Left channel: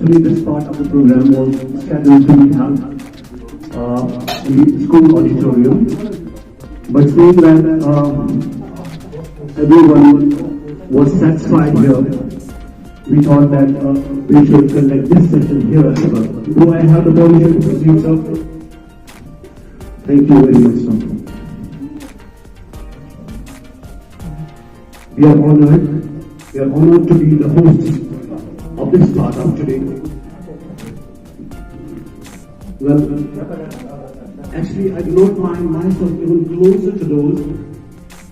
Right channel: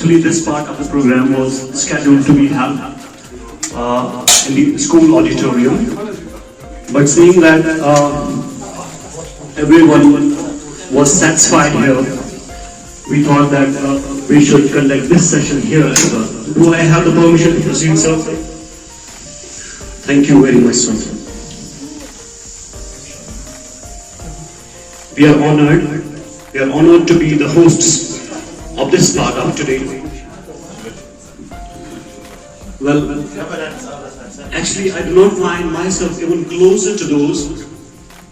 Actually, this part of the program was scheduled to be held in the school auditorium, but seeing that everyone was satisfied here, we thought that we should conduct this session here as well. Do I have the permission to proceed, sir? Thank you very much, sir. We are honored to be the hosts of this part of today. Well, actually I do not find myself even closer to those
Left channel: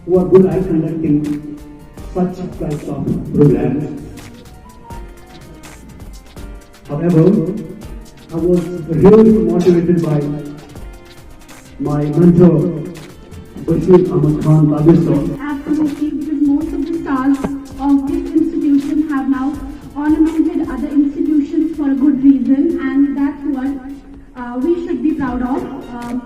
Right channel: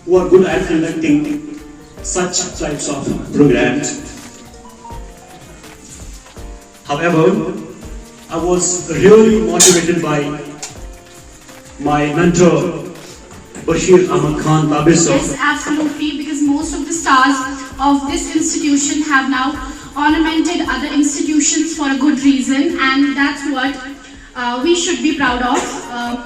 who are good at conducting such types of programs. However, I was really motivated by my mentor, Bashir Ahmad Khan Tabis. Yes, absolutely, because most of the stars of this institution have now ornamented other institutions for a good reason, and that's what we should be proud of.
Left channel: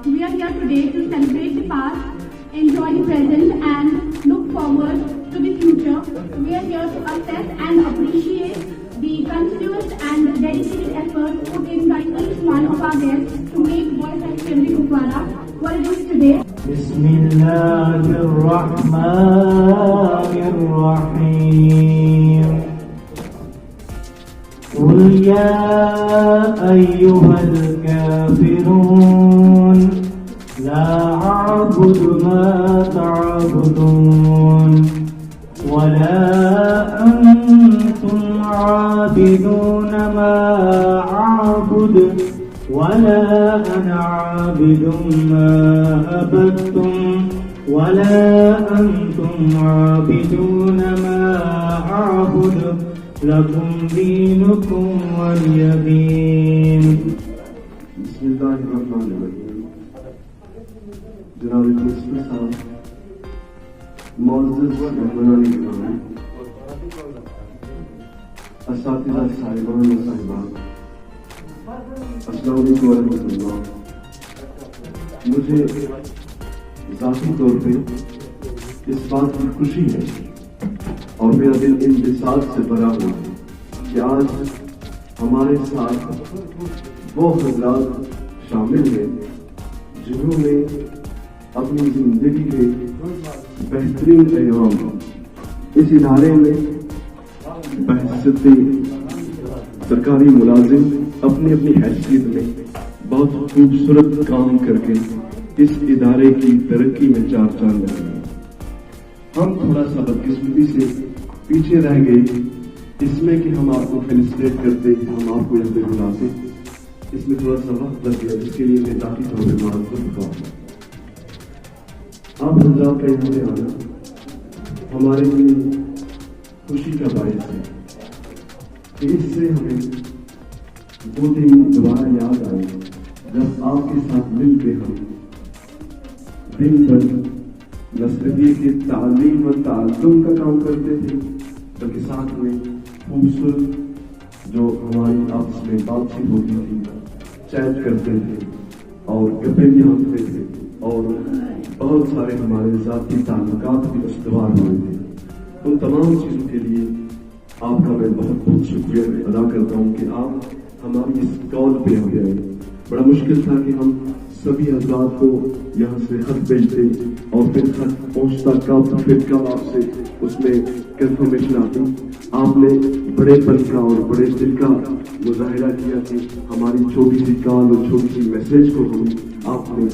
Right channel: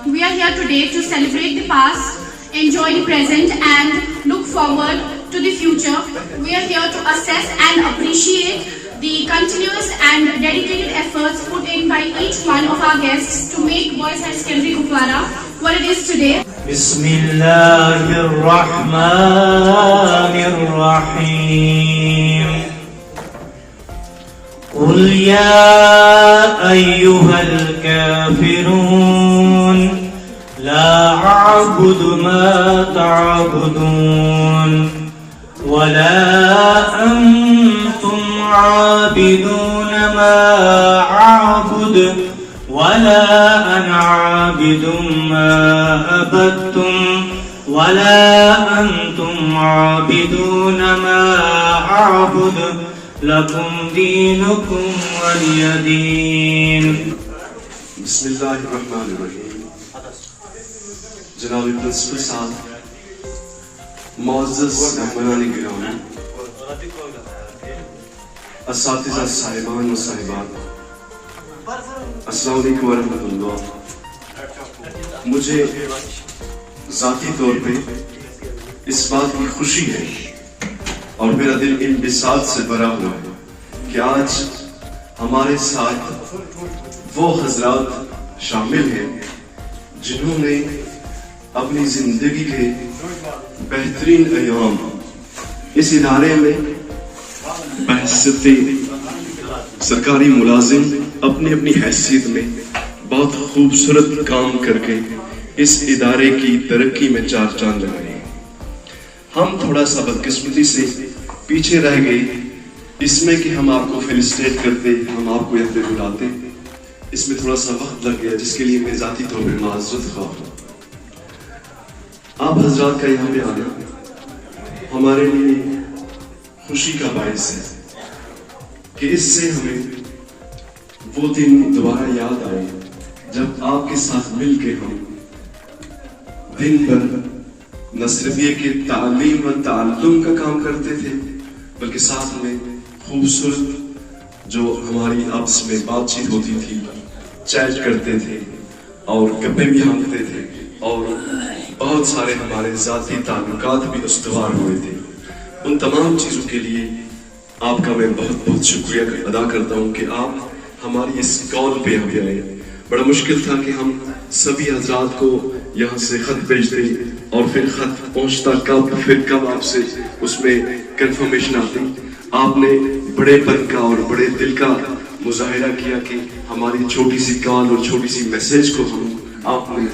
We are here today to celebrate the past, enjoy the present, and look forward to the future. We are here to assess and appreciate the continuous and dedicated efforts put in by each one of our guests to make Boys High Secondary Kupwara what it is today. Bismillahirrahmanirrahim. قل يا أيها الكافرون لا أعبد ما تعبدون ولا أنتم عابدون ما أعبد ولا أنا عابد ما عبدتم ولا أنتم عابدون ما أعبد لكم دينكم ولي دين. بسم اللہ الرحمن الرحیم. جناب پرنسپل صاحب، معزز مہمانان کرام، اساتذہ صاحبان و صاحبات، السلام علیکم ورحمۃ اللہ. مجھے ذاتی طور پہ اس بات کی خوشی ہے اور میرا دل انبساط سے بھرا ہوا ہے کہ آج ہمارے ساتھ وہ حضرات شامل ہیں جنہوں نے اپنی زندگی کے بہترین ایام اس ادارے میں بحیثیت سرکاری ملازم اپنی اپنی حیثیت میں بہت خوبصورت کام کر کے اس ادارے کی ترقی میں چار چاند لگائے. ہم تھوڑا سا بدقسمتی سے پیچھے رہ گئے اس میں کہ ہم آپ کو فیلسٹیٹ کرتے، ہم آپ کو یہاں پہ بلاتے، اس میں تھوڑا سا وقت لگ گیا جس کے لیے میں ذاتی طور پہ معذرت خواہ ہوں. آپ حضرات کا یہاں پہ آنا ہمارے لیے خوشی کا باعث ہے کہ اس سے ہمیں وہ دن دوبارہ یاد آئے جب آپ کے ساتھ مل کے ہم دن بھر نہ صرف یہ کہ تعلیم و تعلم کا کام کرتے تھے بلکہ ساتھ میں خوبصورت جو ہماری آپس میں بات چیت ہوتی تھی، چیٹ کرتے تھے اور گپے بھی ہانکتے تھے اور بہت سارے ہمارے ذاتی تعلقات بھی استوار ہوئے تھے. ان تمام چیزوں کے لیے آپ کا میں بہت بہت شکریہ ادا کرتا ہوں کہ آپ ہماری اس کال پہ ابھی آئے. بڑا مشکل تھا کہ ہم سبھی حضرات کو یہاں سے خط بھیجتے اور پھر خط پہنچتا کب، پھر کب آپ سے اس میں کنفرمیشن آتی. آپ نے بڑے پن کا اور بڑے دل کا مظاہرہ کیا کہ ہماری چھوٹی سی کال اور چھوٹی سی میسج کو ہم آپ نے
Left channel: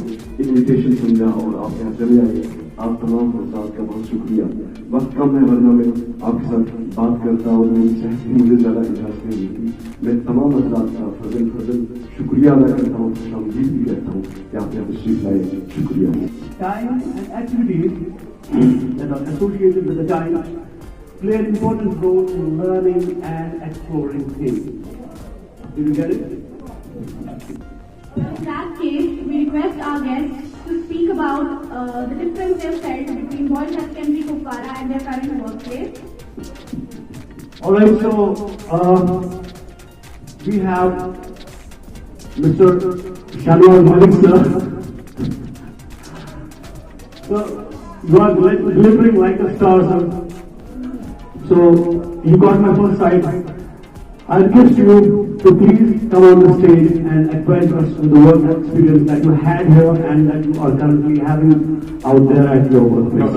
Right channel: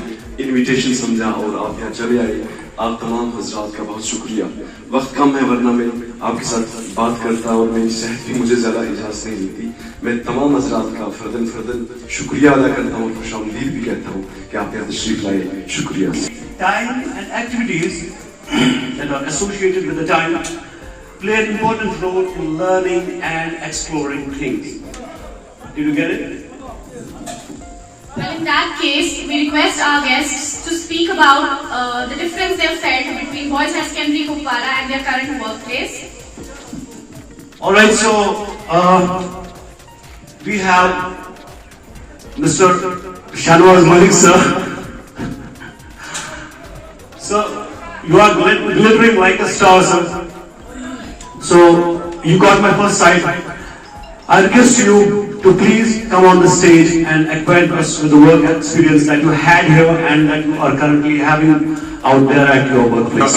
انویٹیشن سمجھا اور آپ یہاں چلے آئے. آپ تمام حضرات کا بہت شکریہ. وقت کم ہے ورنہ میں آپ کے ساتھ بات کرتا اور میری صحت بھی مجھے زیادہ اجازت نہیں دیتی. میں تمام حضرات کا فردن شکریہ ادا کرتا ہوں، خوش آمدید بھی کہتا ہوں کہ آپ یہاں تشریف لائے. شکریہ. time and activities that are associated with the time play an important role in learning and exploring things. Did you get it? Well, in that case, we request our guests to speak about the difference they've felt between Boys High Secondary Kupwara and their current workplace. Alright, so we have Mr. Shanwaz Malik sir. So you are glittering like a star, sir. So you got my first sight. I request you to please come on the stage and acquaint us with the work experience that you had here and that you are currently having out there at your workplace.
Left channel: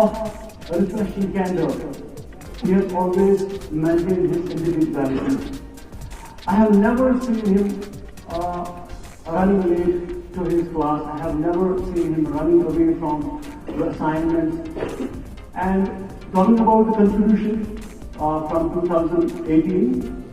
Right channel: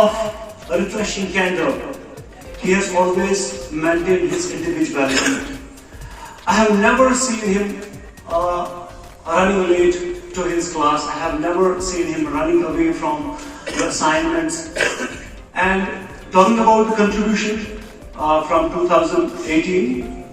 of a refreshing candor. He has always maintained his individuality. I have never seen him running late to his class. I have never seen him running away from the assignments. And talking about the contribution from 2018,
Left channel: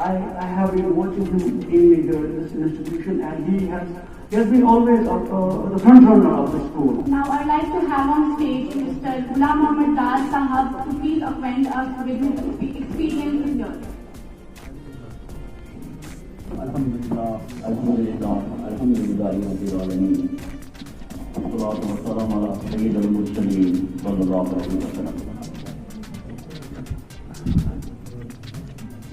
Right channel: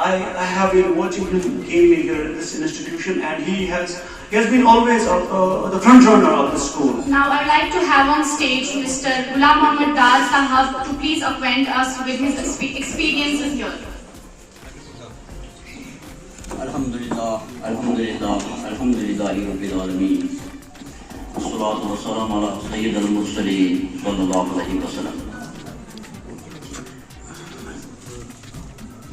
I have been watching him keenly here at this institution, and he has been always the front runner of the school. Now I would like to have on stage Mr. Ghulam Mohammad Dar Sahab to please acquaint us with his experiences here. Alhamdulillah, Alhamdulillahi Rabbil Alameen. Wassalatu wassalamu ala Sayyidil Mursaleen sallallahu alayhi wa sallam.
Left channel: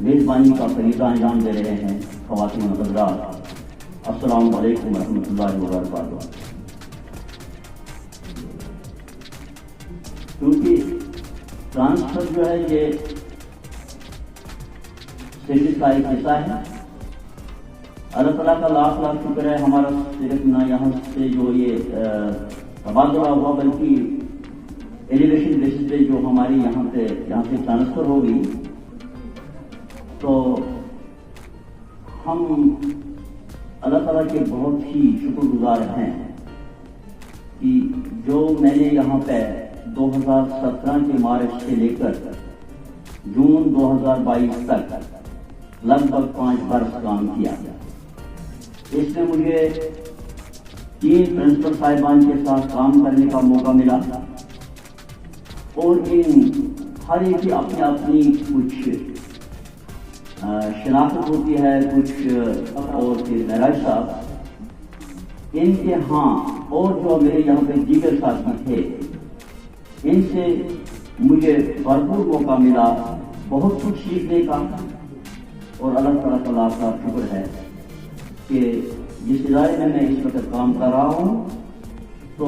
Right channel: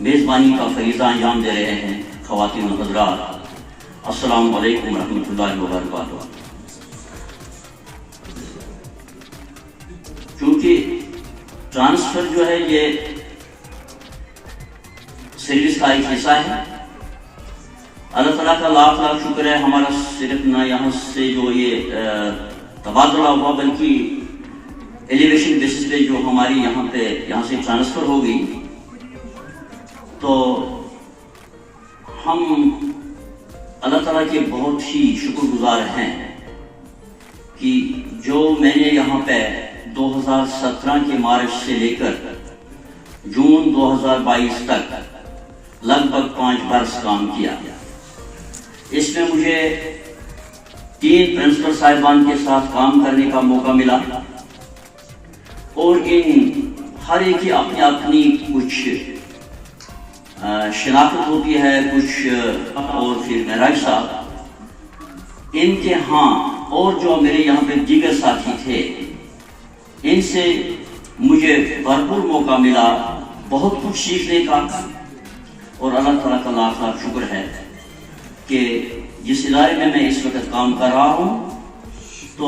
میزبانی کا فریضہ انجام دے رہے ہیں خواتین و حضرات، السلام علیکم ورحمۃ اللہ وبرکاتہ۔ چونکہ ٹرانسفر جو ہے یہ سروس کا ایک حصہ ہے، اللہ تعالیٰ کا لاکھ لاکھ شکر ہے، ہمارا صرف نہ یہاں سے جو یہ تبادلہ ہوا بلکہ ایلیویشن بیسس پہ جو ہماری یہاں سے ٹرانسفر ہو گئی، تو ہم اللہ تعالیٰ کے بہت ہی شکر گزار ہیں کہ جو میں نے یہاں پہ 2017 کے مارچ سے لے کر جون 2022 تک لگ بھگ 5 برس کام کیا، اس میں مجھے 3 پرنسپل صاحبان کے ساتھ کام کرنے کا موقع ملا، اور ان ہر ایک کی اپنی اپنی کچھ شناخت ہوتی ہے، کچھ اور پھر معراج صاحب ان کے ہاں اور جو میرے یہاں پہ دیگر ساتھی تھے ان سے مجھے بھرپور موقع ملا بہت کچھ سیکھنے کا، اور اللہ تعالیٰ کا لاکھ لاکھ شکر ہے کہ جس ادارے میں اس وقت کام کر رہا ہوں تو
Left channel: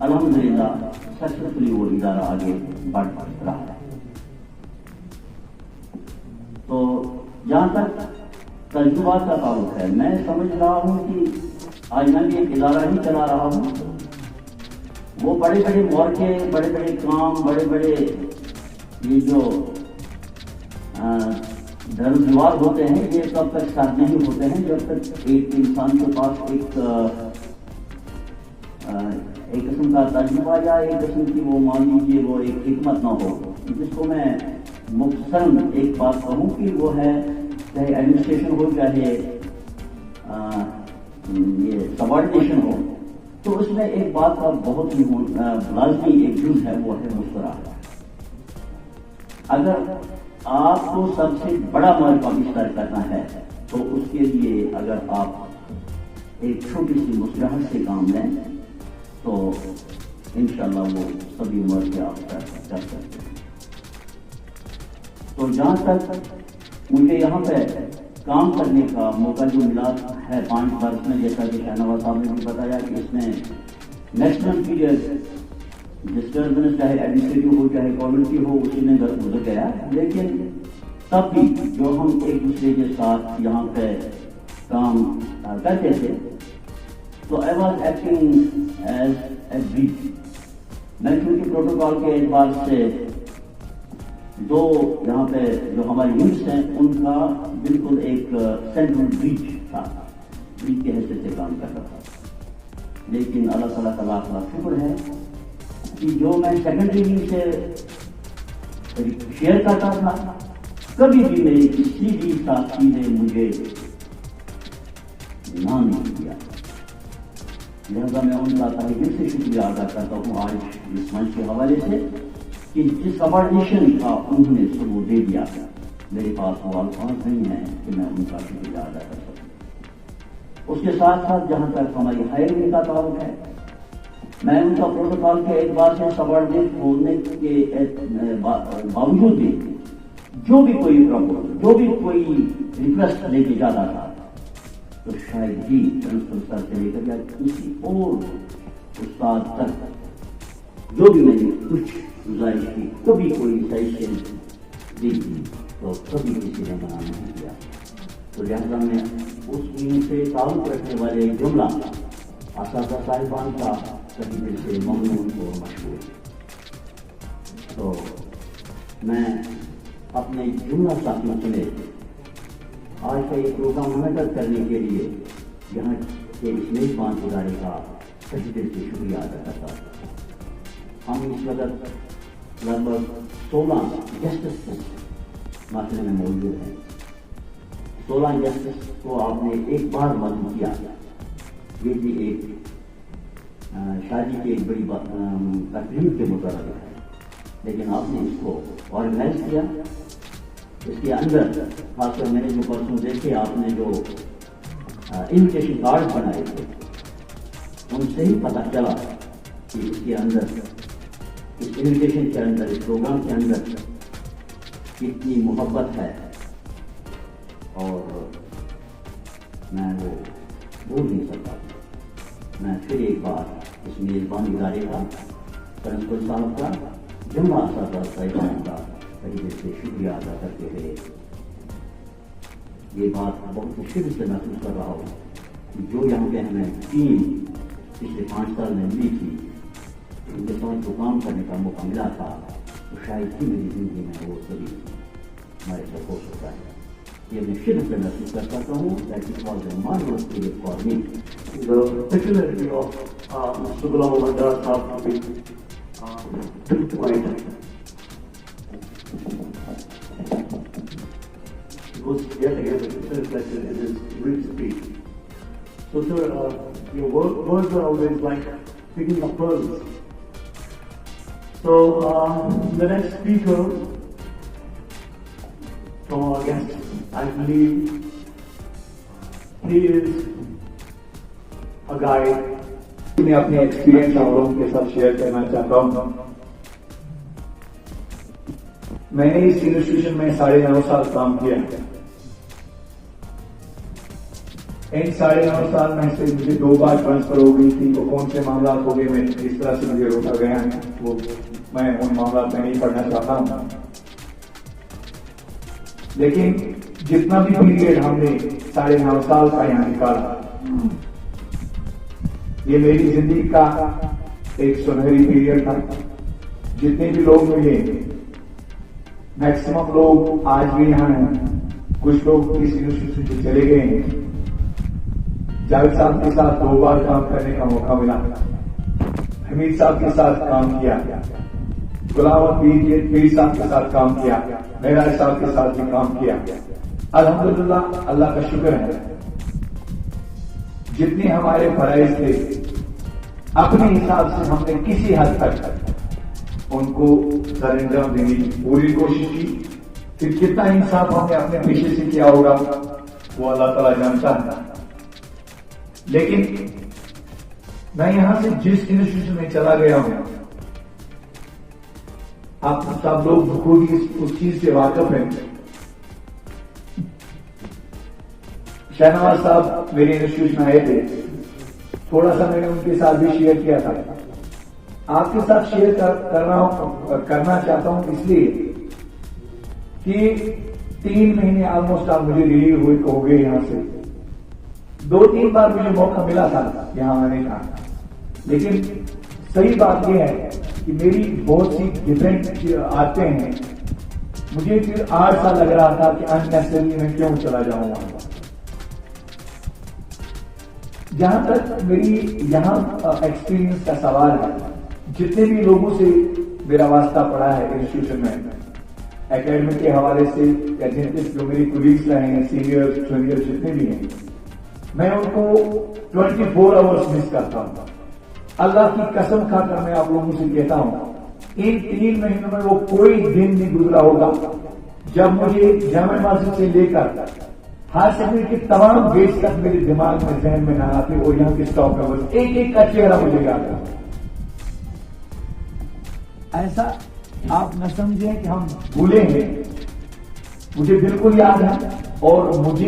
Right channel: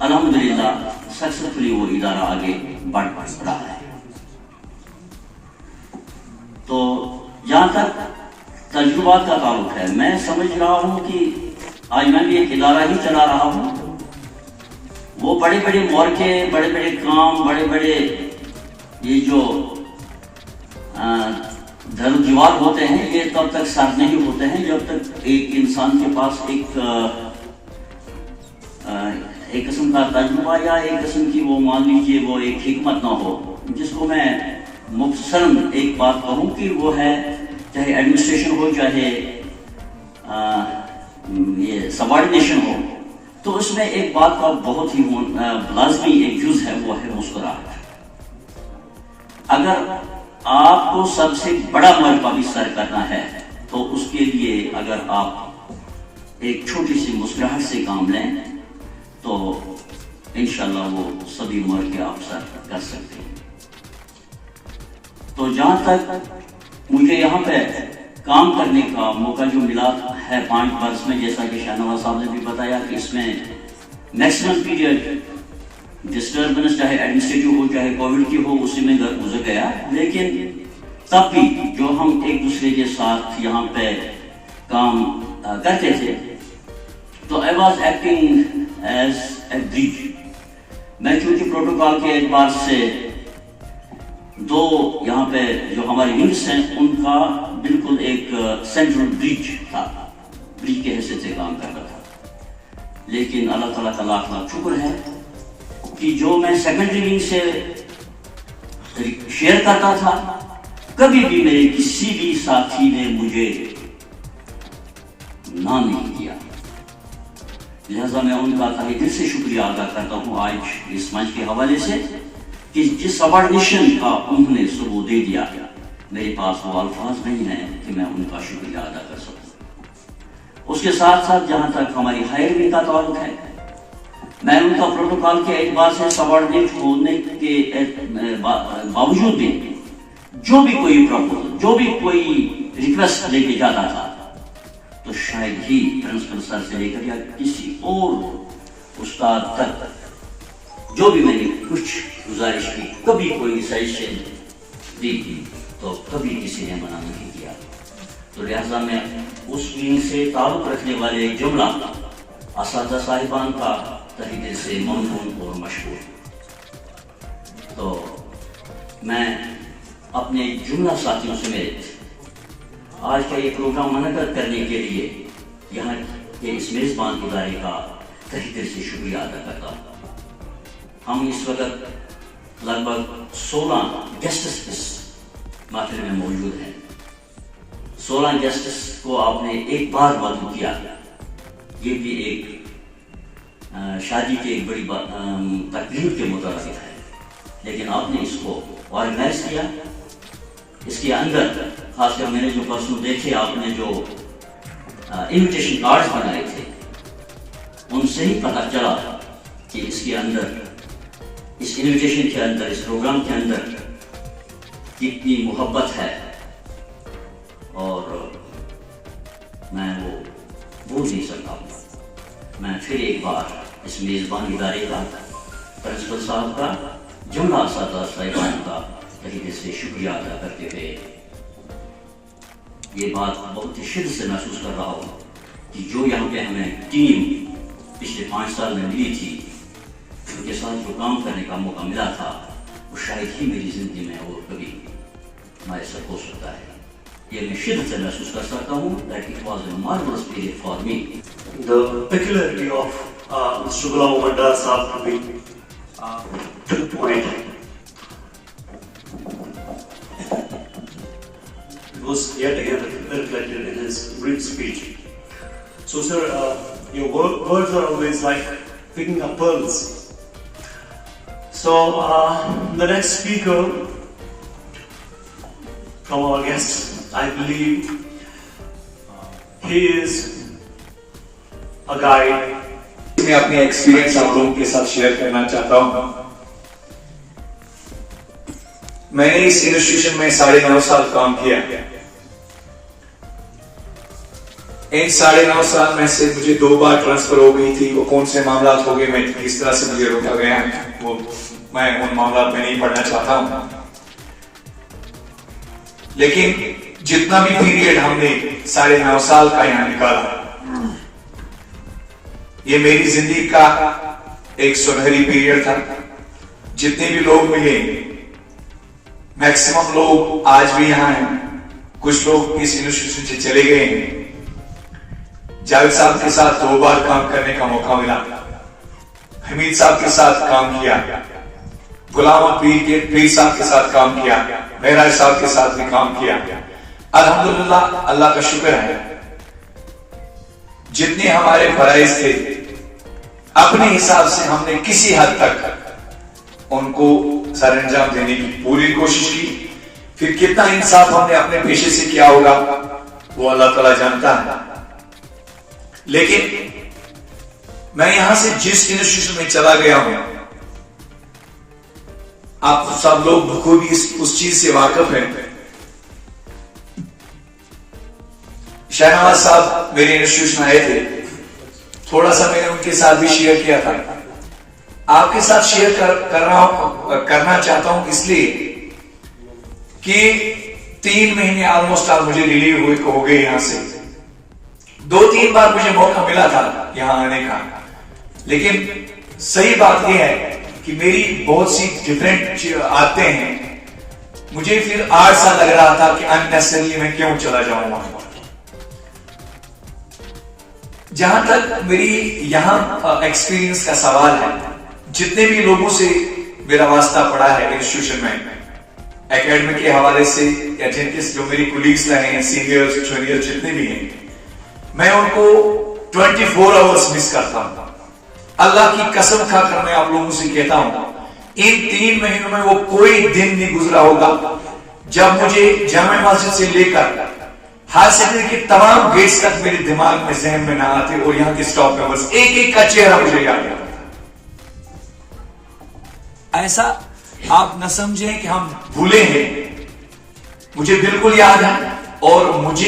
الحمدللہ سکسیسفلی وہ ادارہ آگے بڑھ رہا ہے۔ تو جہاں تک تجربات کا تعلق ہے، میں سمجھ رہا ہوں کہ آج میں بھی ایک ادارہ ہی چلا رہا ہوں، وہ بڑے بڑے مورکے، بڑے بڑے کام، بڑے بڑے یہ جو در دیوار ہوتے ہیں یہ تب تک سر نہیں ہوتے ہیں جب تک ایک انسان کے پاس ایک قسم کا تجربہ یا ایک قسم کی وہ مان لیجیے وہ ایک حکمت نہ ہو، جس کو میں مختصراً ایک بات کہوں کہ وہ ہے چاہے ایڈمنسٹریشن ہو چاہے یہ سبارڈینیشن ہو، تو اس میں ایک بات کا بہت ہی لازمی ایک جز ہے، وہ ہے مسکراہٹ۔ اگر آپ کو سب سے بڑا مرتبہ بھی سر کرنا ہے تو اس کے لیے اگر آپ ایک چھوٹی سی مسکراہٹ سے کام لیں تو انشاءاللہ وہ سبھی عمر کے آپ سر کر سکتے ہیں۔ تو جہاں تک مجھے یہاں پہ کام کرنے کا موقع جو ملا ہے 5 برس میں، جیسا کہ شاہنواز صاحب نے بھی بتایا کہ اس میں میکسیمم پیریڈ ڈسٹربنس چاہے ایڈمنسٹریٹو ہو چاہے کووڈ کی ہو اسی میں گزر گیا، لیکن تب بھی جو ہم ایک دوسرے کے ساتھ یہاں پہ کام کرتے تھے تو I was acting as a bridge۔ میں چونکہ پروٹوکول کے اعتبار سے 2 یہاں پہ جو ہماری ونگس ہیں ان کا بالکل ایک سینٹرل برج تھا، برج کے حیثیت سے کام کرتا تھا، لیکن اللہ تعالیٰ کا لاکھ لاکھ شکر ہے کہ جو میں سیکنڈری ونگ سے شیئر کرتا تھا کبھی بھی میرے کسی بھی ساتھی نے مجھے نہ نہیں کیا، لہذا میں ان کا تہہ دل سے شکریہ ادا کرتا ہوں آج اس منچ کے حوالے سے کہ جس سبارڈینیشن کا انہوں نے ثبوت دے دیا، میرے پاس وہ الفاظ نہیں ہیں کہ میں ان کا شکریہ ادا کر سکوں۔ اس کے ساتھ ساتھ جہاں تک ہماری ہائرنگ کا تعلق ہے، میں ان کا پروٹوکول کے اعتبار سے سبارڈینیٹ ہونے کے باوجود بھی جو بھی کوئی پروپوزل، جو بھی کوئی ریکویسٹ لے کے جاتا تھا تو شاید ہی پرنسپل سر سے لے کر یا کسی اور استاد تک جو بھی میں نے کچھ گزارش کی، کبھی کوئی سجیشن دی تو کبھی کسی نے منع نہیں کیا۔ تو لہذا میں اس ونگ سے تعلق رکھنے والے جملہ اساتذہ صاحبان کا تہہ دل سے ممنون اور مشکور۔ تو میں اپنے جملہ ساتھیوں سمیت آج کا یہ پروگرام منعقد کرنے کے لیے یہاں کے اس میزبان ادارے کا تہہ دل سے شکریہ ادا کرتا ہوں۔ ہم اس وقت لگ بھگ 16 گیسٹس اس محفل میں موجود ہیں۔ 16 گیسٹس کو آپ نے ایک بار مدعو کیا، یہ بھی ایک شادی کے ایک بڑی تقریب کے مترادف ہے، لیکن آپ نے اس کو آرگنائز کیا۔ اس کے اندر خاص کر میں نے جو پرسوں دیکھے، آپ نے جو انویٹیشن کارڈز بنائے تھے ان سے ہی پتہ چلا کہ اس کے اندر، اس انویٹیشن کے اندر، اس پروگرام کے اندر کتنی محبت ہے اور میں وہ بھول نہیں سکتا ہوں. میں پھر ایک بار اس میزبان ادارے کا، پرنسپل صاحب کا، جملہ اساتذہ صاحبان کا طریقے سے شکریہ ادا کرتے ہوئے یہ بات بہت ہی شدت سے محسوس کر رہا ہوں کہ جو یہاں پہ ہمیں ٹیم پچھلے 5 سال میں ملی تھی، ان کے ساتھ جو کام کرنے کا موقع ملا تھا، وہ شاید ہی میری زندگی میں اور کبھی میسر ہو سکتا ہے. یہ میں شدت سے محسوس کر سکتا ہوں that it was a marvelous period for me. The peculiarity of Mr. Ghulam Mohammad Dar Sahab to be to the point. It was yet again reflected in his brief speech. So, sir, your words are always like picking up pearls. So, the next speaker from our guest, I believe he is a guide. میں اپنی experience آپ لوگوں کے ساتھ share کرنا چاہتا ہوں. میں نے اس انسٹیٹیوشن میں 9.5 سال کام کیا. ان 9.5 سال میں سے مجھے 2 بار ٹرانسفر ہو گئی تھی. وہ کون سے معاملات ہو گئے، میں کس طرح سے مجھے روکا گیا ہے، وہ میں ان معاملات میں نہیں پڑھنا چاہتا ہوں. لیکن جتنا بھی پیریڈ ہم نے 9.5 سال کا یہاں نکالا، یہ میری زندگی کا ایک سنہری پیریڈ تھا. جتنے بھی لوگ ملے، میکسیمم لوگ آج بھی یہاں ہیں، کچھ لوگ اس انسٹیٹیوشن سے چلے گئے ہیں. جاوید صاحب کے ساتھ 2 بار کام کرنے کا موقع ملا، حمید صاحب کے ساتھ کام کیا، غلام پیر صاحب کے ساتھ کام کیا، معراج صاحب کے ساتھ بھی کام کیا. الحمدللہ اللہ کا شکر ہے، جتنے ہمارے فرائض تھے اپنے حساب سے ہم نے کسی حد تک ان کو سر انجام دینے کی پوری کوشش کی. پھر کتنا انصاف ہم نے اپنے پیشے سے کیا ہوگا وہ اللہ تعالیٰ جانتا ہے. لیکن میں یہاں سے جس انسٹیٹیوشن میں چلا گیا ہوں، آپ سب لوگ بخوبی اس چیز سے واقف ہیں. شہنواز صاحب میرے انسٹیٹیوشن آئے تھے، تھوڑا سا میں نے ان کے ساتھ بھی شیئر کیا تھا. آپ کے ساتھ شیئر کرنا چاہتا ہوں اس لیے کہ 3 مہینے آلموسٹ مجھے ریلیو ہو گئے یہاں سے. 2-3 بار مجھے موقع ملا تھا یہاں آنے کا. لیکن صحیح بات یہ ہے کہ میری بہت سی ڈیفرنٹ آتے ہیں. مجھے پھر 8 سال لگ رہا تھا کہ اننیسسری میں کیوں چلا جاؤں گا. جہاں تک میری یہاں ایکسپیرینس کا سوال ہے، جتنے بھی لوگوں سے میرا واسطہ پڑا ہے انسٹیٹیوشن میں اکیڈمک کے حوالے سے، یا جن کے جو میری کولیگز رہے ہیں، سینئرز جونیئر جتنے بھی ہیں، میں ان کو 24 آورز مس کرتا ہوں. اللہ کی قسم کھا کر میں آپ لوگوں سے کہتا ہوں ان 3 مہینوں میں وہ کوئی دن نہیں گزرا ہوگا جب مجھے جامع مسجد سے لے کر ہائی سیکنڈری کے تمام گیٹس تک میرے دماغ میں ذہن میں نہ آتے اور یہاں کے سٹاف ممبرز ایک ایک کا چہرہ مجھے یاد ہے. ایسا آپ نہ سمجھیں کہ ہم بھولے ہیں، مجھے بالکل یاد ہے. اور مجھ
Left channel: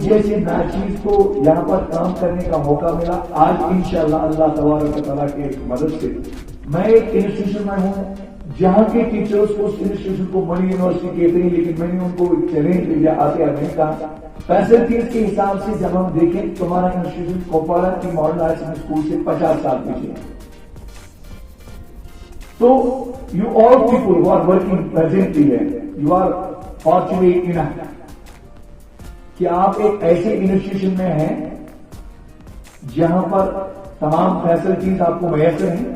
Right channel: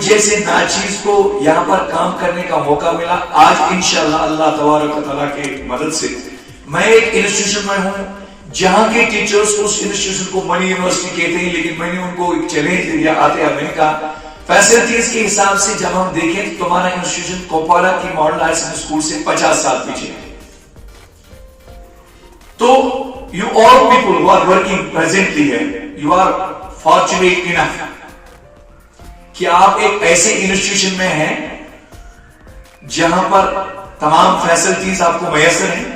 جیسے ناچیز کو یہاں پر کام کرنے کا موقع ملا. آج انشاءاللہ اللہ تبارک و تعالیٰ کی مدد سے میں ایک انسٹیٹیوشن میں ہوں جہاں کے ٹیچرز اس انسٹیٹیوشن کو منی یونیورسٹی کہتے ہیں، لیکن میں نے ان کو ایک چیلنج دیا آتے میں نے کہا فیسلٹیز کے حساب سے جب ہم دیکھیں تو تمہارا انسٹیٹیوشن کوپوالا کی ماڈل ہائی سیکنڈری اسکول سے 50 سال پیچھے ہے. تو you all people who are working presently here, you are fortunate enough کہ آپ ایک ایسے انسٹیٹیوشن میں ہیں جہاں پر تمام فیسلٹیز آپ کو میسر ہیں.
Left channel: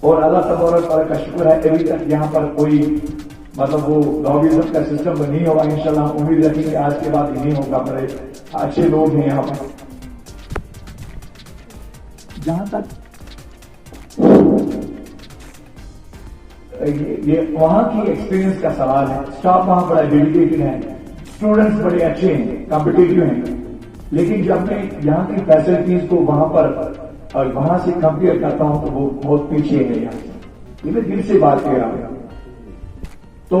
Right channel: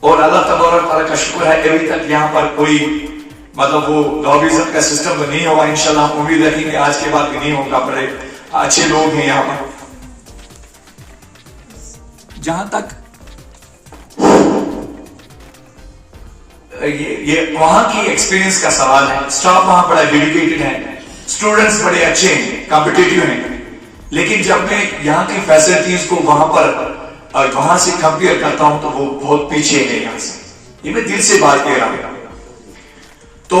اور اللہ تبارک تعالیٰ کا شکر ہے ابھی تک یہاں پر کوئی وہ لابیزم کا سسٹم تو نہیں ہوگا. انشاءاللہ ہم امید رکھیں گے آج کے بعد بھی نہیں ہوگا. بڑے اچھے لوگ ہیں یہاں پر. جہاں تک یہ وہاں کی ایکسپیرینس کا سوال ہے، اسٹاف وہاں بڑا ڈیڈیکیٹڈ ہے، اسٹوڈنٹس بڑے اچھے ہیں، کمپٹیٹیو ہیں. لیکن جب میں یہاں کی فیسلٹیز کو وہاں سے کمپیئر کرتا ہوں تو وہ بہت پیچھے ہے یہاں سے. یہ میں دل سے بات کہہ رہا ہوں. تو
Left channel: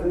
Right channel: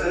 2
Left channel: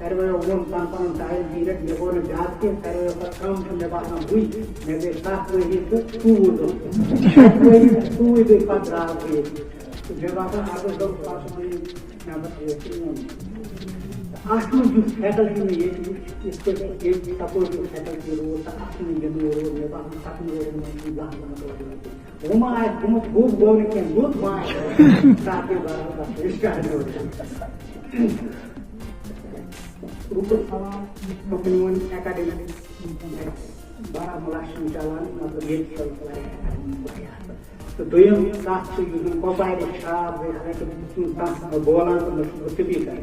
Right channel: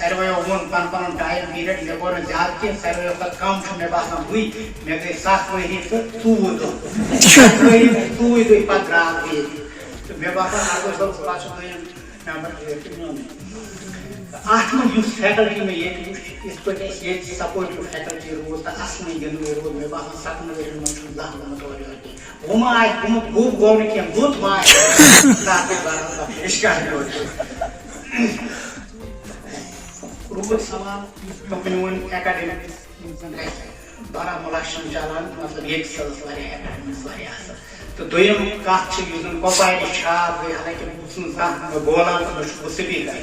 سارویو ون پن پن ٹائم پیریڈ مے گو زیادہ کی سارویو پتہ کم مے باسان ہوئی مے گئی 7 ؤری تو 2 دۄہ پتہ درٛاس بہٕ ییٚتہِ تہٕ مے باسان اگر صٲب پتہٕ چھُ نمبر اتھ منٛز یُس فیکلٹی مےٚ ییٚتہِ وٕچھ یِتھ پٲٹھۍ اَسہِ ییٚتہِ سپوٹِو فیکلٹی روٗز تہٕ اَصلٕے گِنٛدنہٕ روٗد مےٚ باسان 7 ؤرین منٛز چھُنہٕ زانٛہہ گوٚمُت اورٕ یورٕ کینٛہہ ہُہ ما آسہِ گوٚمُت گوٚب گوٚو نہٕ کینٛہہ لوٚت ما آسہِ باقٕے برابر اِشکار روٗد سوال میون ایکڈمِک بارہمولہ چھُنہٕ چلان مطلب ییٚتہِ سۄ ٲس واریاہ ایکڈمِکس واریاہ اَصٕل تہٕ دوٚیِم کَتھ چھِ یُس زَن کۄپوارِ چھاپ گٔے حالانکہِ بہٕ چھُس نہٕ کانٛہہ بولان تہٕ نہ چھُس بہٕ سپیٖکر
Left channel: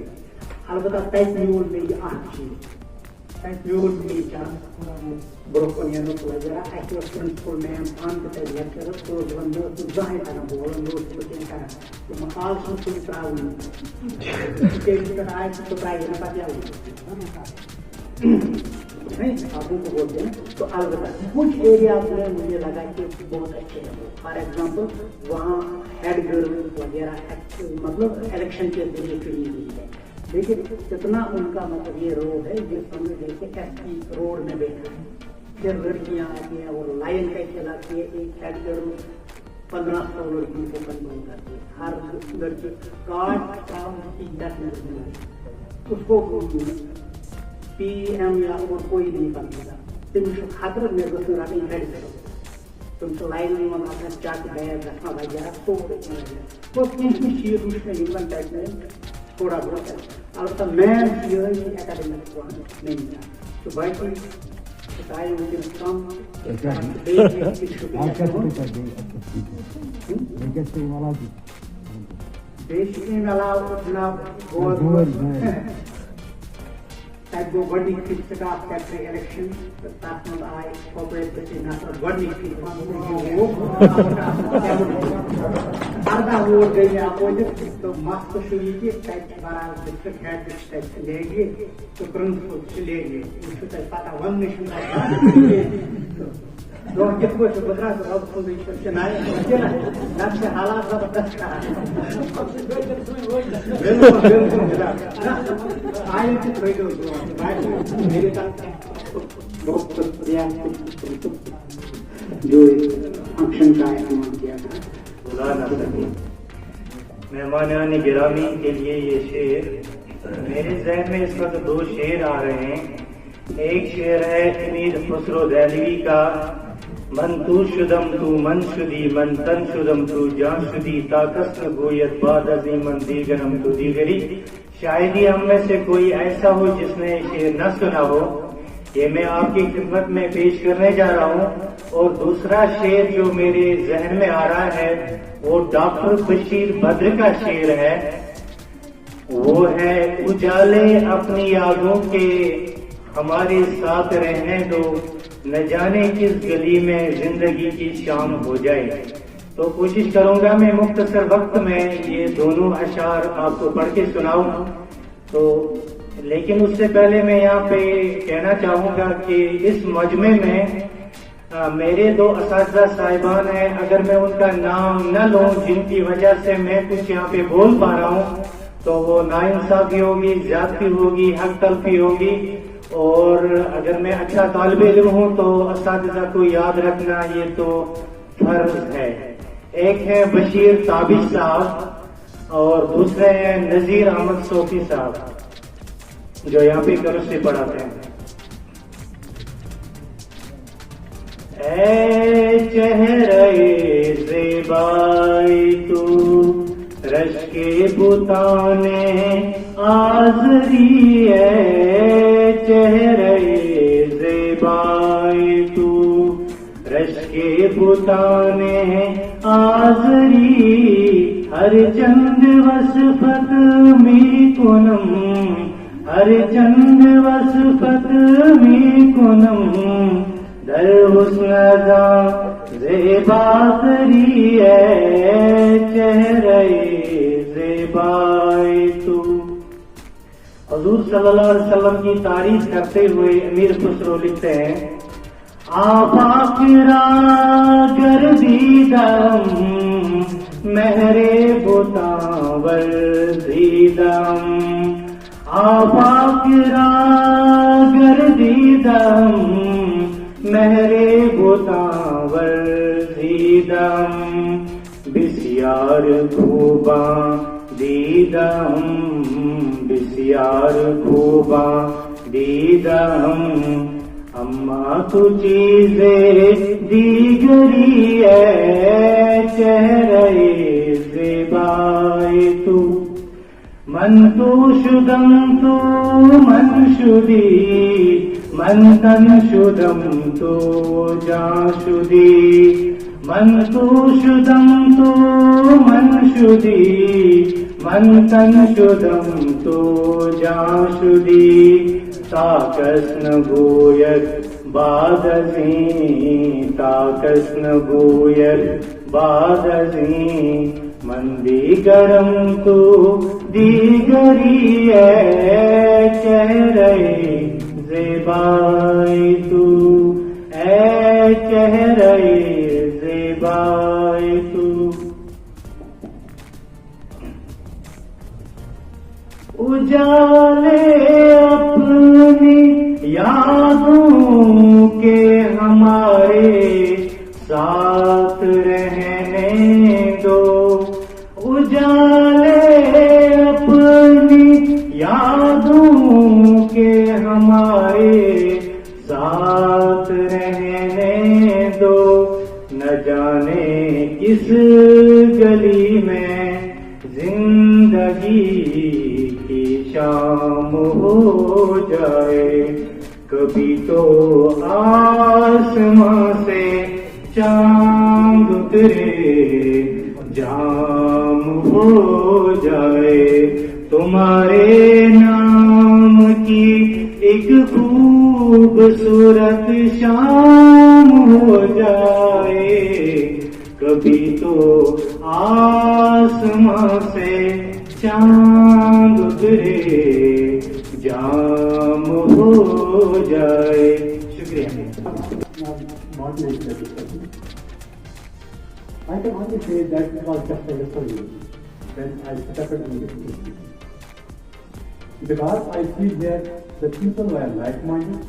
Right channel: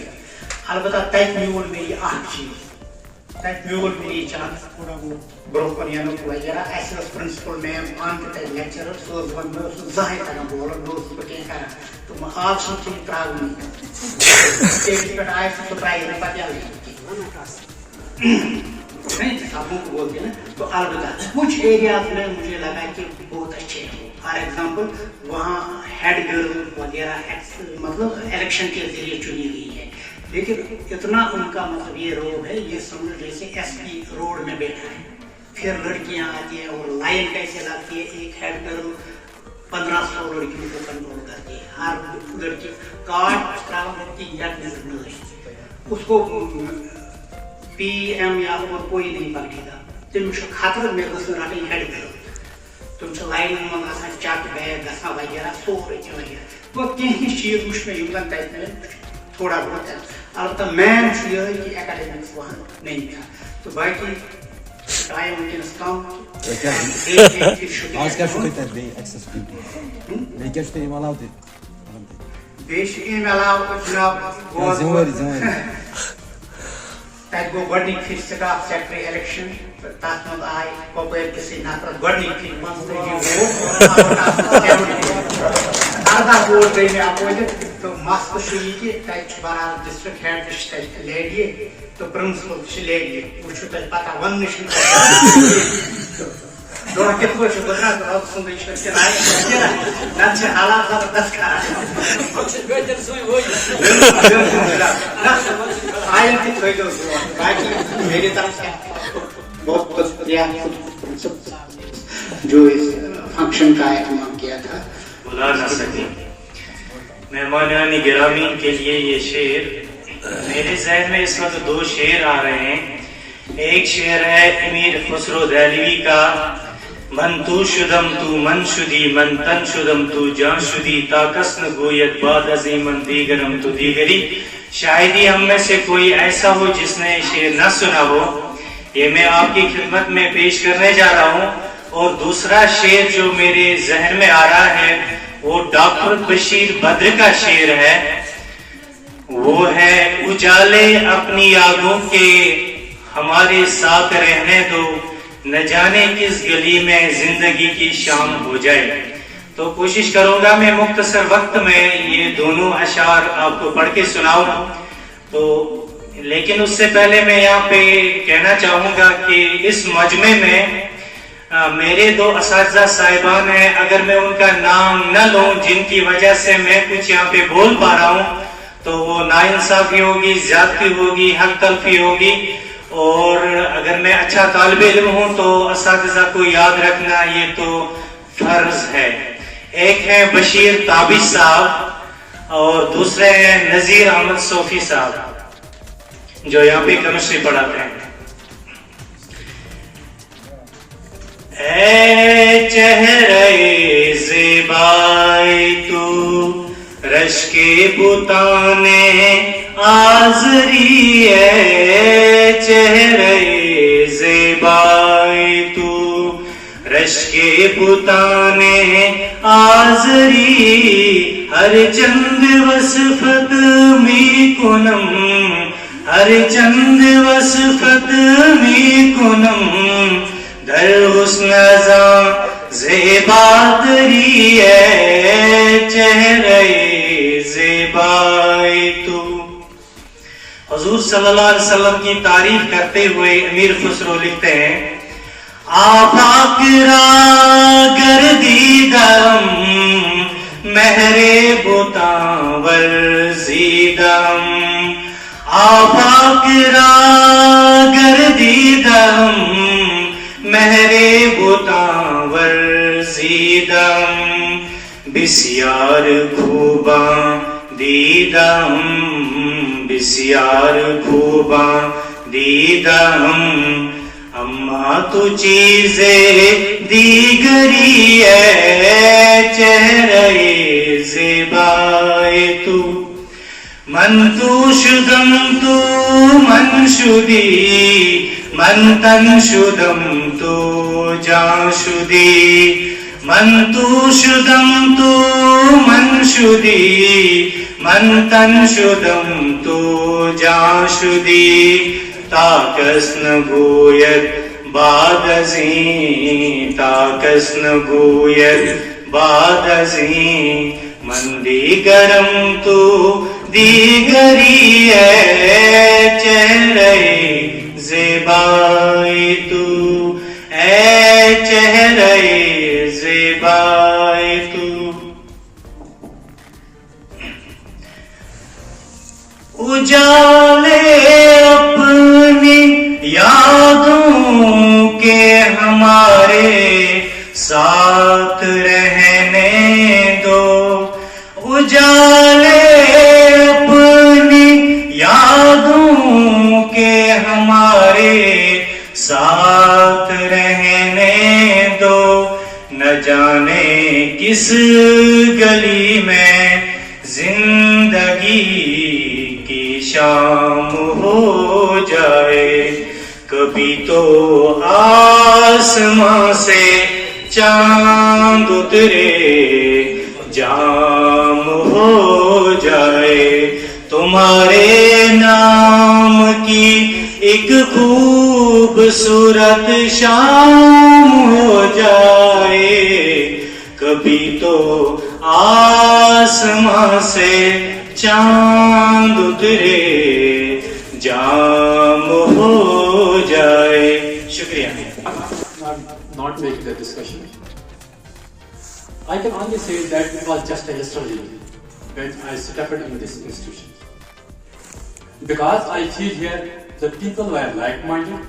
البتہ تَتہِ میوٗل مےٚ یہِ اکھ چیٖز تَتہِ میوٗل مےٚ یہِ چانس برونٛہہ کُن یِنُک وغیرہ اَسہِ ٲس پرنسپل میم پانہٕ تہِ تَتہِ لیکچرر سُہ ٲس وَنان مےٚ اوس نہٕ زٕہٕنۍ تگان بولُن بہٕ اوسُس نہٕ کینٛہہ کران تہٕ آز چھُنہٕ تِم ترٛاوٕنی سٹیجہِ پٮ۪ٹھ آے سُہ ترٛایہِ نہٕ پَتہٕ یَلہٕ سپنوں کو بولتے ہیں تو البتہ کچھ ایریاز میں مجھے لگا کہ بہت اچھے ہیں فار ایگزامپل وہاں ہیڈ گرل وغیرہ مطلب الیکشن کے ذریعے چنی گئی ہے لیکن اتنا ان کا مطلب یہ روب ہے یہ سمجھ جیسے ایس پی روڈ میں بیٹھا ہے پھر لڑکیاں آتی ہیں اور لائن کیسے لگتی ہے ایک ہیڈ گرل 1500 لڑکیوں کو کنٹرول کرتی ہے ہر لڑکی کارڈ اس کو پی ایم یا اور کوئی نہیں پکڑے گا تم خطرہ مے گھس رٹن ہیڈ گرل تم لائن من آسان چک بیگ گھان وغیرہ سورے وغیرہ تو کینٛہہ چیٖز وٕچھ مےٚ یِم زن تتہِ مےٚ تھوڑا بہت البتہ مین چھُ یِہوٚے کہِ ایکڈمِکس وَن نہیں تہٕ باقٕے ٹایم وٕنکیٚنس کم بیٚیہِ چھِ اَمہِ علاوٕ جناب تَتہِ گوٚو گۄڈنِکۍ پھِرِ سٹاف سیکٹری الیکشن تہٕ تَتھ منٛز آے کۄپوٲرۍ کِسٕے نفرس گۄڈنِکۍ پھِرِ 14 ووٹ گٔے مےٚ اپوزِٹ تہٕ مسلہٕ چھُ یہِ کہِ تَتہِ چھُ برابر ڈسٹرکٹ ہیڈ تہِ چھِ تَتہِ لیڈی تہٕ پرنسپل تہِ چھِ لیڈی وۄنۍ چھُ تَتہِ پتہ وَننہٕ چھُنہٕ دۄہ کِتھ پٲٹھۍ چھُ گُزران رۄب سُنٛدٕے چھُ نتہٕ چھِ حالات زبردست میری طرف سے بہت بہت شکریہ جو اس فنکشن کا اہتمام کیا تھا. بلا نہ سکے مہمانان گرامی کے لیے یہ شعر میرے ذہن میں اس وقت 2 شعر آ رہے ہیں. ایک شعر ہے امیر خسرو دہلوی کا من تو شدم تو من شدی من تن شدم تو جان شدی تا کسن گویت بعد ازی من دیگرم تو دیگری. شاید ہی ہم میں سے کوئی ایسا ہو جس نے شعر نہ سنا ہو. یہ میں آپ کی خدمت میں پیش کرنے جا رہا ہوں. اور دوسرا شعر جو میرے ذہن میں آ رہا ہے وہ ڈاکٹر بشیر بدر کا شعر ہے. وہ ہے اجالے اپنی یادوں کے ہمارے ساتھ رہنے دو نہ جانے کس گلی میں زندگی کی شام ہو جائے. تو کوشش کروں گا میں مختصر وقت میں یہ دونوں اشعار آپ کو پڑھ کے سناؤں. تو لیکن اس سے پہلے میں یہاں پہ کہنا چاہوں گا کہ اس مجمع میں میرے 2 اساتذہ صاحبان ہیں. اگر میں ان کا نام نہ لوں جن کی وجہ سے میں کچھ یہاں پہ بول پا رہا ہوں تو وہ ناانصافی ہوگی, زیادتی ہوگی, حق تلفی ہوگی. اور اگر میں اچھا طالب علم ہوں تو اساتذہ کو یاد رکھنا یہ تو فرض ہے. ایک ہے بشیر تابش صاحب اور دوسرے ہیں نذیر احمد صوفی صاحب جو یہاں پہ کیمسٹری پڑھاتے ہیں. اے چہرے زیبائی تو رشک بتانے آزری. اے چہرے زیبائی تو رشک بتانے آزری. ہر چند وصفت می کنم ہر چند وصفت می کنم در حسن ازاں زیبا تری. ہے چہرے زیبائی تو. حضور صلی اللہ علیہ وسلم کی تعریف کرتے ہوئے امیر خسرو لکھتے ہیں آفاق را گردیدم مہر بتاں ورزیدم. آفاق را گردیدم مہرے بتاں ورزیدم بسیار خوباں دیدم بسیار خوباں دیدم اما تو چیز دیگری ہے چہرے زیبائے تو من تو شدم تو من شدی من تن شدم تو جان شدی من تو شدم تو من شدی من تن شدم تو جان شدی تا کس نگوید بعد ازیں تا کس نگوید بعد ازیں من دیگرم تو دیگری ہے چہرے زیبائی تو اے چہرے زیبائی تو اجالے اپنی یادوں کے ہمارے ساتھ رہنے دو اجالے اپنی یادوں کے ہمارے ساتھ رہنے دو نہ جانے کس گلی میں زندگی کی شام ہو جائے کبھی تو آسمان سے چاند اترے جام ہو جائے تمہارے نام کی ایک خوبصورت شام ہو جائے کبھی تو آسمان سے چاند اترے جام ہو جائے شکریہ not make the discussion. I can only say that it was just a yesterday when I stepped into this institution. Because I feel here the people were like-minded,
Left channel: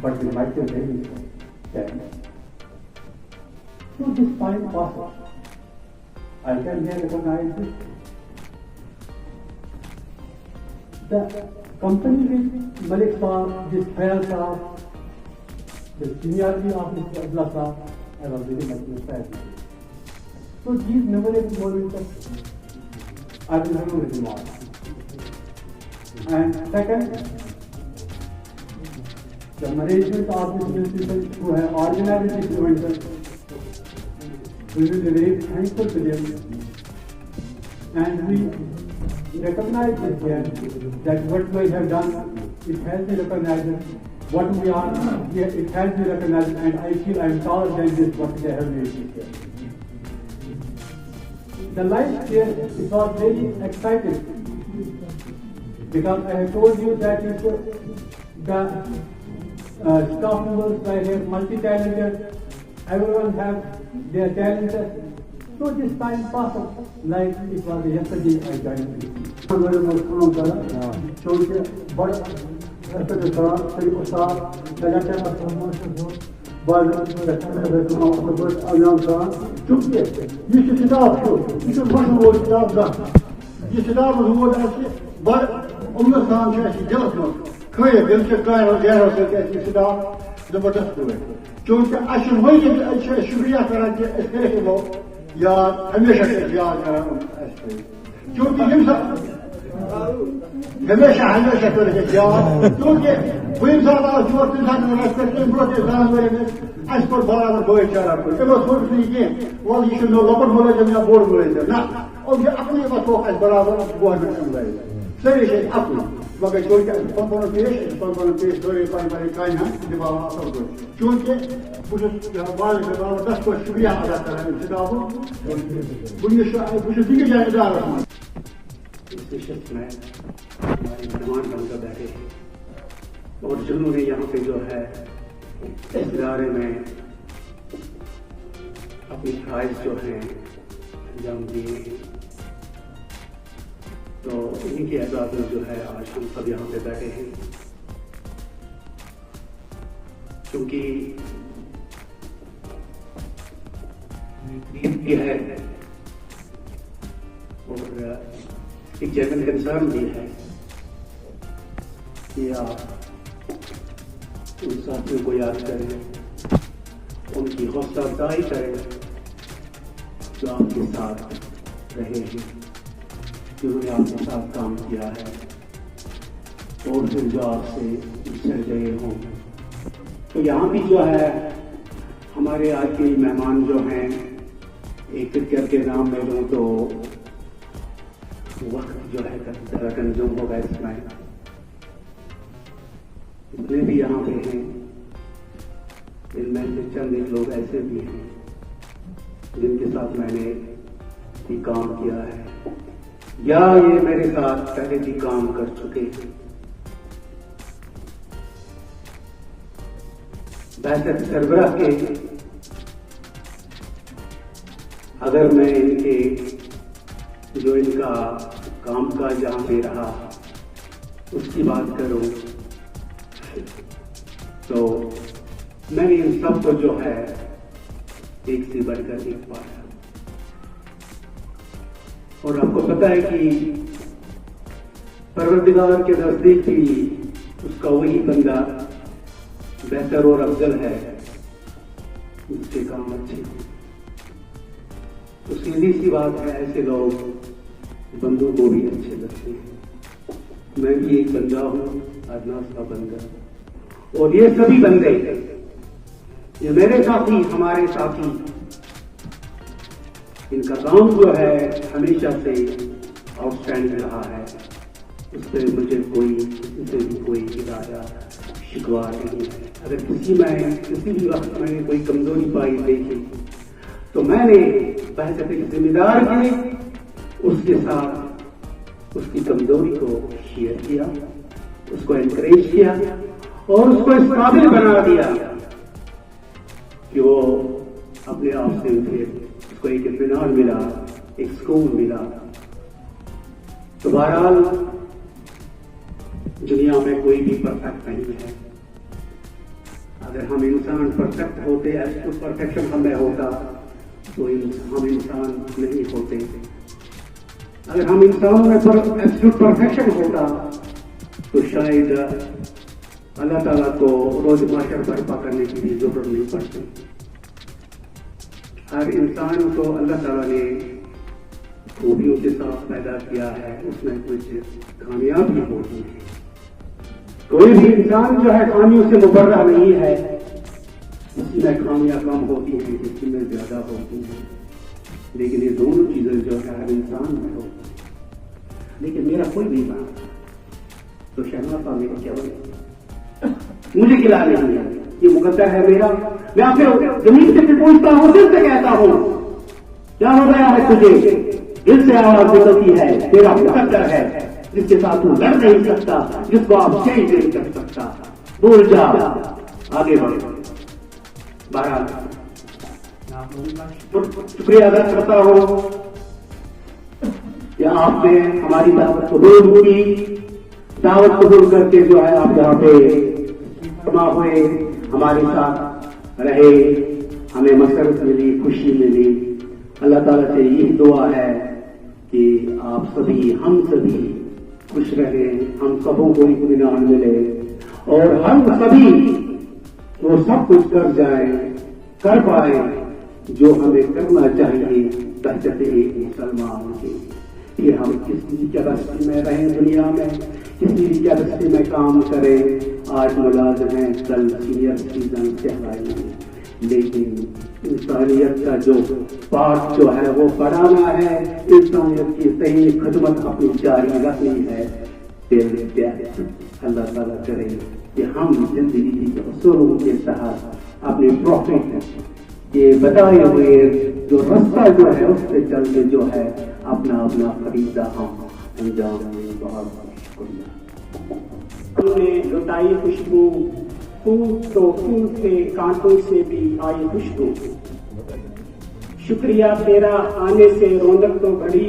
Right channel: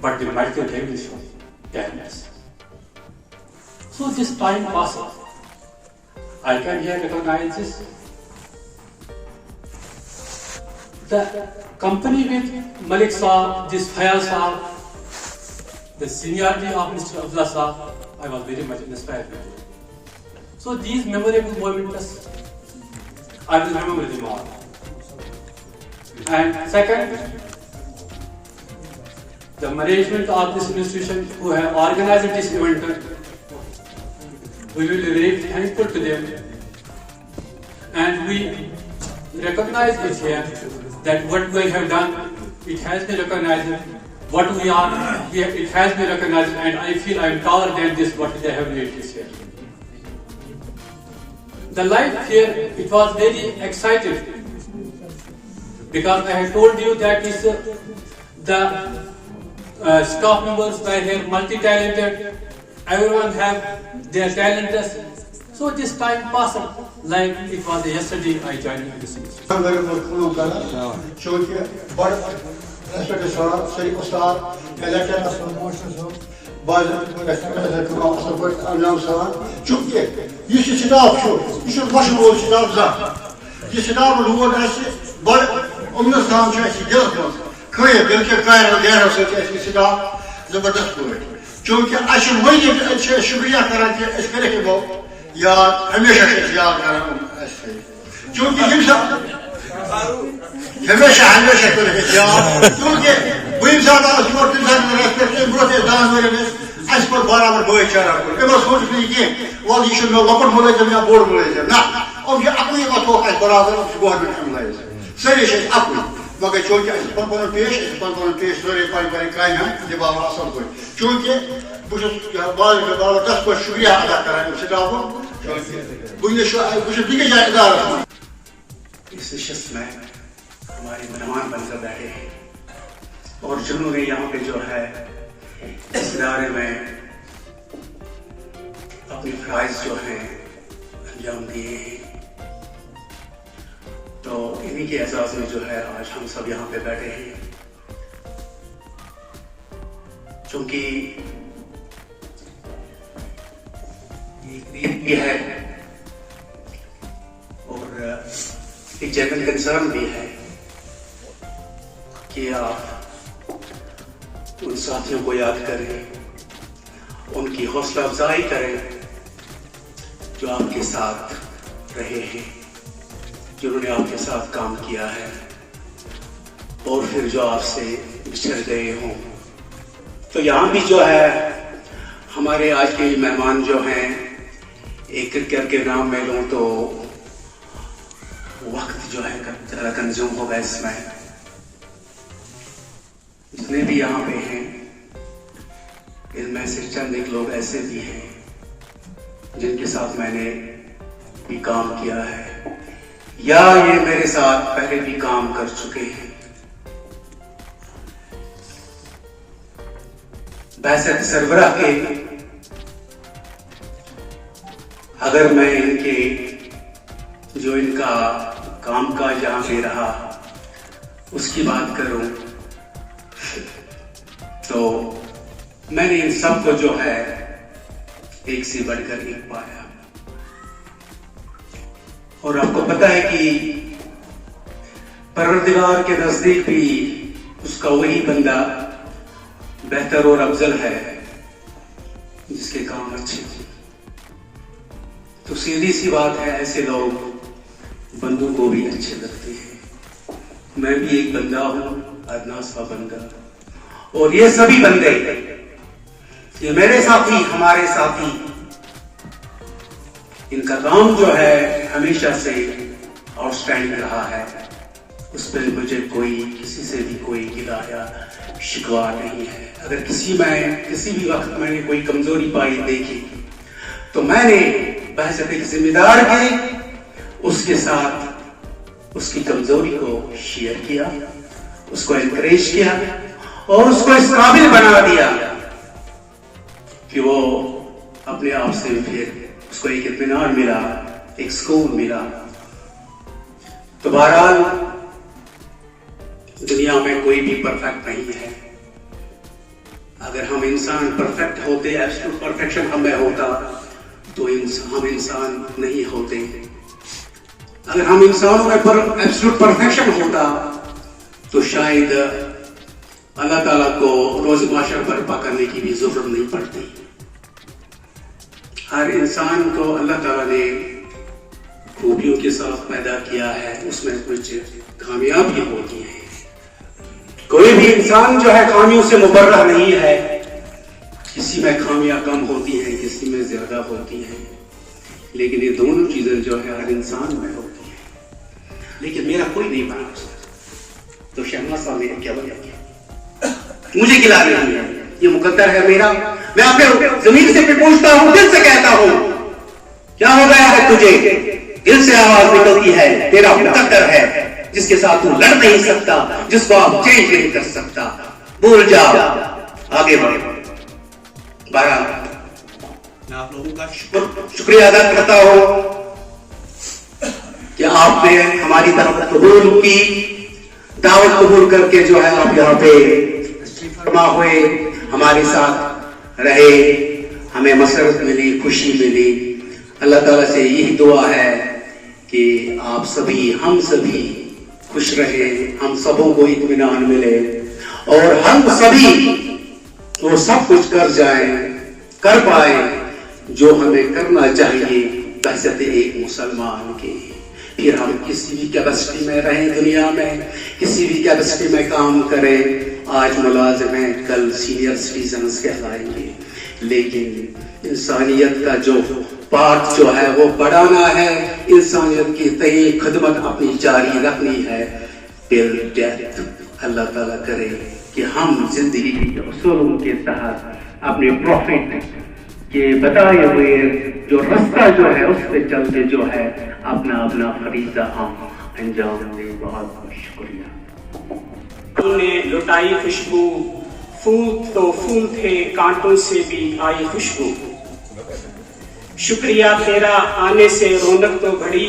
but the multi-language talents. So this time passes. I can here recognize this. The company with Malik Saab, this Fayal Saab, the seniority of Mr. Abdullah Saab, I was very much inspired with it. So these memorable moments, I will remember them all. And second, the management of this institution who have organized this event, we will be very thankful to them. And we recognize it here that what we have done, it has been recognized. What we are, it has been recognized, and I feel I am taller than this, what they have made this year. The life here, it was very exciting, because I have told you that is the staff members were here multi-talented, everyone have their talents. So this time passed like it was yesterday I joined this institution. respect Sari Ustad, Collector of Promotions, چونکہ یہ staff یہ بشن وول staff زان یہ staff لوگ بڑ امن سان دلس مز کھیت دل کے گیرو سی سٹاف زبردست پہ چونکہ اچھے مزید شکریہ کران کہ کرے یاد ہمیشہ یاد کران چونکہ ہمیشہ کرے یاد کیونکہ بہت زیادہ یور تم سات ریسپیکٹ برو دان ورین اس پر برابر بھائی چارہ کر سوچ نہیں کہ وال یہ لکٹ ملازم یا بوڑ ملازم نا اب یہ اپنی وقت برابر گورنمنٹ امپلائیز ساری اپنی مگر چونکہ پن پیش سوری پن کامہ دبا اصل پہ چونکہ بہت زبردست پہ شکریہ ادا کران سٹاف بہت بیس جائے ادارہ اس نشست میں ہمارے مہمان بن کر بیٹھے ہیں اور جنہوں نے یہاں پہ جو ہے اس ادارے میں اپنے فرائض جو ہیں انجام دیے ہیں تو تو انہی کے اعزاز میں جو ہے آج ہم سب یہاں پہ بیٹھے ہیں. چونکہ ایک بھی ہے اور ایک جنرل کنسرن بھی ہے کہ آپ ان ساتھیوں کو یاد کریں, ان کی حوصلہ افزائی کریں جو آپ کے ساتھ رہے ہیں, جنہوں نے آپ کے ساتھ کام کیا ہے اور پھر جو آپ سے بچھڑ گئے ہوں. تو یہاں بھی جو ہے ہمارے آج کے مہمان جو ہیں, ایک کر کے نام میں لوں تو وقت جو ہے ذرا کنزیوم ہوگا اس میں. جتنے بھی یہاں پہ ہیں ان میں سے چند ایک لوگ ایسے بھی ہیں جن کے ساتھ میں نے بھی کام کیا ہے یا یہ میرے ساتھ پہلے بھی کام کر چکے ہیں. بعثت سربراہ کے اگر میں ان کے جو ان کا کام کاج جہاں پہ رہا اس کی بات کروں تو میں نے ان سب کو جو ہے ایک سے بڑھ کر ایک پایا. اور آپ کو پتا ہے کہ پروردگار کے نزدیک بھی اس کا وہی بندہ بہتر اور افضل ہے جس کے کام اچھے ہوں. تو سیدھی سی بات ہے, ایسے لوگ بندوں کو بھی اچھے لگتے ہیں. میں بھی ایک بندہ ہوں, ادنا سا بندہ, اور یہ سبھی بندے, یہ میرے ساتھی, ہمارے ساتھی, ان کا کام جو ہے ہمیشہ سے آؤٹ اسٹینڈنگ رہا ہے. اس پہ مجھے کسی سے بھی کوئی گلہ یا شکوہ نہیں ہے. اگر کسی بھی وقت میں نے کوئی کمزوری پائی دیکھی تو میں نے بحثیت ایک ذمہ دار کے اس کے ساتھ اس کی کمزوری کو شیئر کیا, اس کو انکریج کیا اور اس کو اس قابل بنا دیا کہ وہ اپنے آپ سے پھر اس کو ایک اطمینان ملا, ایک سکون ملا. تو بہرحال دنیا میں کوئی بھی پرفیکٹ نہیں ہے. اگر ہم انسان پرفیکٹ ہوتے, ایبسولوٹ پرفیکشن ہمیں ہوتا تو ہم انسان نہیں ہوتے. اگر ہم انسانوں میں ایبسولوٹ پرفیکشن ہوتا تو شاید اللہ تعالیٰ کو روز معاشر برپا کرنے کی بھی ضرورت نہیں پڑتی. ہر انسان کو اللہ تعالیٰ نے خوبیوں کے ساتھ پیدا کیا ہے, اس میں کچھ خامیاں ہوتی ہیں. کوئی بھی انسان جو ہے خامیوں سے مبرہ نہیں ہے. کسی میں خامیاں کم ہوتی ہیں, کسی میں زیادہ ہوتی ہیں, لیکن یہ دونوں چیزیں جو ہے ہر انسان میں ہوتی ہیں. لیکن میرا کوئی نہیں بنا اس میں, تو شہنواز صاحب نے کیا بنا کیا, مجھے کھلا نہیں ہے, یہ مقدر ہے میرا. میں آپ کے زمین سے پوچھتا ہوں, دل سے کہتا ہوں, کیا ہو گیا ہے تجھے؟ دل سے آواز نکلتی ہے, تیرا مقدر ہے جس کے ساتھ تو لڑ نہیں سکتا, جس کو آپ چینج نہیں کر سکتا. بھول جا, آگے بڑھے. بہرحال میں آپ لوگوں کا شکریہ ادا کرتا ہوں کہ آپ نے ہماری دعوت قبول کی, دعوت قبول کر کے جو ہے آپ یہاں پہ فرما ہوئے, ہمارے ساتھ رہے, ہمیں مسرت ملی, خوشی ملی. اللہ تعالیٰ سے یہی دعا ہے کہ آپ سبھی, ہم سبھی خوش رہے, ہم سبوں کو اطمینان ملے اور ہم سبھی وہ سب کچھ کر پائیں جو ہمیں کرنا چاہیے بحثیت ایک مسلمان کے. پھر ہم کسی بھی کیپیسٹی میں رہیں دنیا میں, کسی بھی کیپیسٹی میں کام کریں. آج ملازم ہیں, کل سینئر سٹیزنز کہلائیں گے, لیکن انسانیت کا جو پارٹ جو ہے وہ بڑھانا ہے, انسانیت کی تئیں خدمت اپنی جاری رکھنی ہے ٹل ڈیتھ. اللہ تعالیٰ کرے کہ ہم زندگی کے اصولوں کے تحت اپنے پروفٹ کے بتائے ہوئے جو رستہ جو ہے اس پہ چلتے جو ہے اپنا فریضہ ہم انجام دیں. بہت بہت شکریہ. نے لٹائی خوشبو, پھول تو پھول تھے, کانٹوں سے بھی آئی خوشبو. شکریہ تیرا آنے سے رونق تو بڑھی,